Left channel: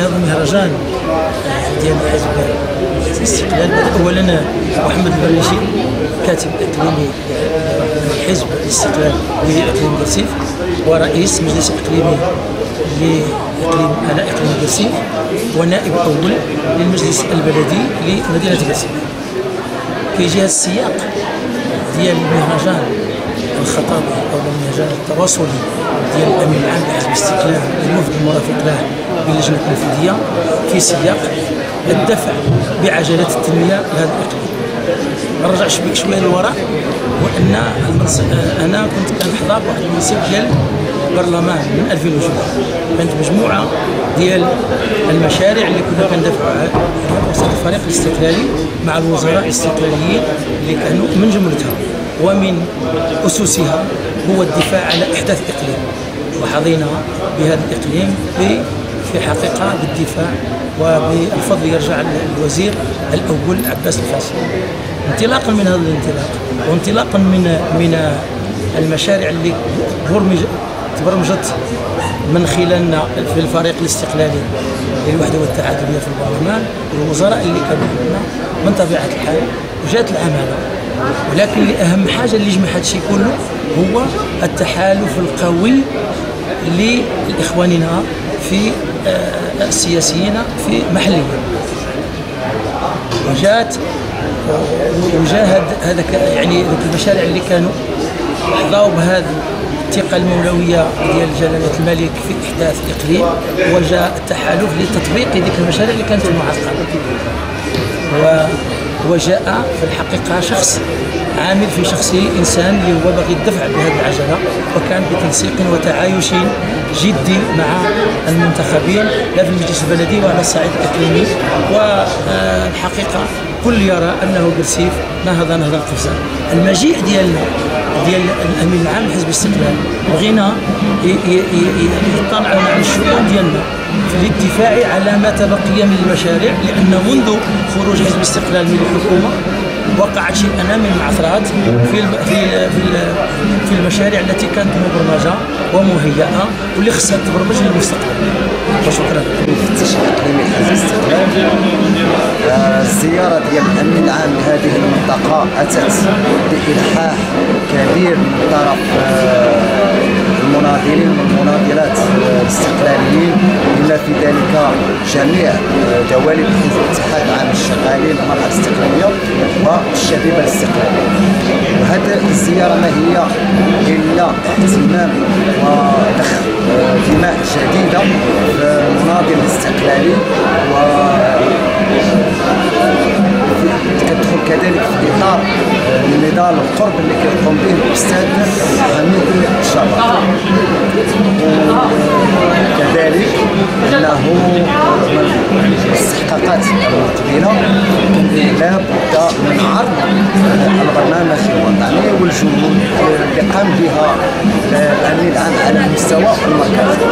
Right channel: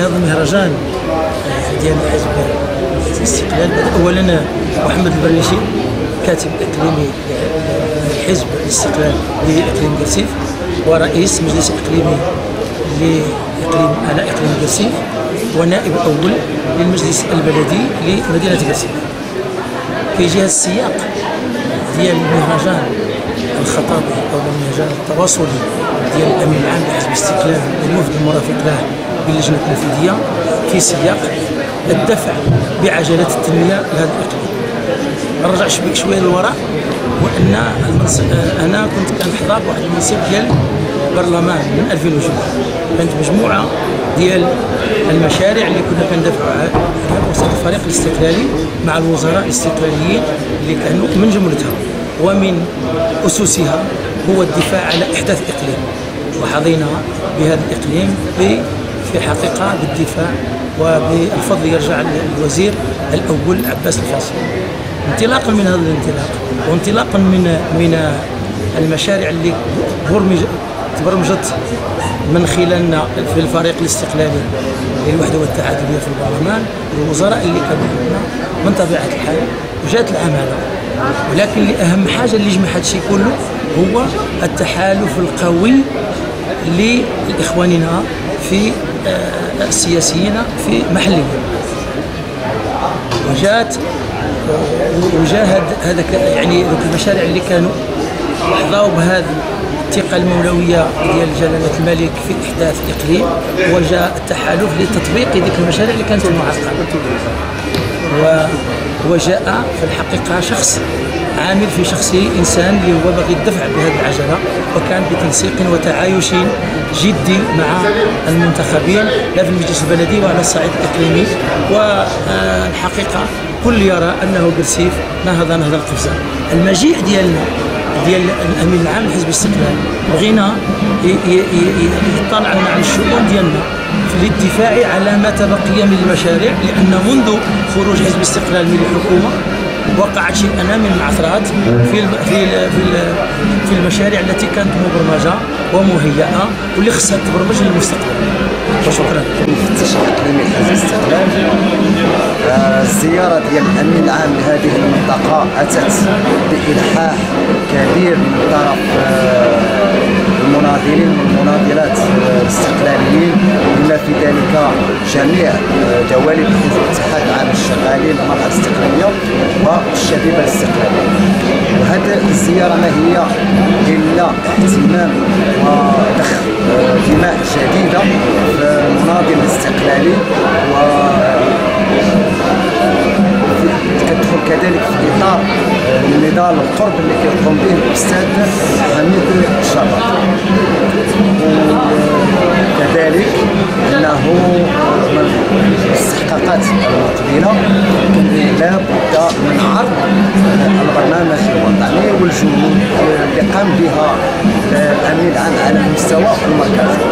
هذا المهرجان ديال حزب الاستقلال. اولا محمد البريشي كاتب اقليمي لحزب الاستقلال لاقليم قرسيف، ورئيس مجلس اقليمي لاقليم على اقليم قرسيف، ونائب اول للمجلس البلدي لمدينه قرسيف. كيجي هذا السياق ديال المهرجان الخطابي او المهرجان التواصلي ديال الامين العام لحزب الاستقلال والوفد المرافق له باللجنه التنفيذيه في سياق الدفع بعجله التنميه لهذا الاقليم. ما نرجعش بك شويه للوراء، وان انا كنت كنحضر واحد المنصب ديال البرلمان من 2002. كانت مجموعه ديال المشاريع اللي كنا كندافعوا على وسط الفريق الاستقلالي مع الوزراء الاستقلاليين اللي كانوا من جملتها ومن اسسها هو الدفاع على احداث اقليم، وحظينا بهذا الاقليم في حقيقه بالدفاع، وبالفضل يرجع للوزير الاول عباس الفاسي. انطلاقا من هذا الانطلاق وانطلاقا من المشاريع اللي تبرمجت من خلالنا في الفريق الاستقلالي للوحده والتعادليه في البرلمان والوزراء اللي كانوا عندنا من طبيعه الحال، وجات العام هذا. ولكن اهم حاجه اللي جمع هذا الشيء كله هو التحالف القوي لاخواننا في السياسيين في محليا. وجاء هذا يعني المشاريع اللي كانوا حظاوا بهذه الثقه المولويه ديال جلاله الملك في احداث الاقليم، وجاء التحالف لتطبيق ديك المشاريع اللي كانت معلقه. وجاء في الحقيقه شخص عامل في شخصه انسان اللي هو باغي الدفع بهذه العجله، وكان بتنسيق وتعايش جدي مع المنتخبين لا في المجلس البلدي وعلى الصعيد الاقليمي. والحقيقه كل يرى انه قرسيف نهض القفزه. المجيء ديالنا ديال الامين العام لحزب الاستقلال بغينا يطلعوا على الشؤون ديالنا في الدفاع على ما تبقي من المشاريع، لان منذ خروج حزب الاستقلال من الحكومه وقعت شيئا من المعثرات في المشاريع التي كانت مبرمجه ومهيئه واللي خصها تبرمج للمستقبل. وشكرا. مفتش اقليمي حزب الاستقلال، الزياره ديال الامين العام لهذه المنطقه اتت بالحاح كبير من طرف المناضلين والمناضلات الاستقلاليين، بما في ذلك جميع دوالب حزب الاتحاد العام للشغالين المرأة الاستقلاليه والشبيبه الاستقلاليه. وهذه الزياره ما هي الا اهتمام وضخ دماء جديده في المناضل الاستقلالي، كتدخل كذلك في اطار النضال القرب اللي كيقوم به الاستاذ حميد الشرباط. وكذلك انه من الاستحقاقات المقبله لا بد من عرض البرنامج الوطني والجهود اللي قام بها الامين العام على المستوى المركزي.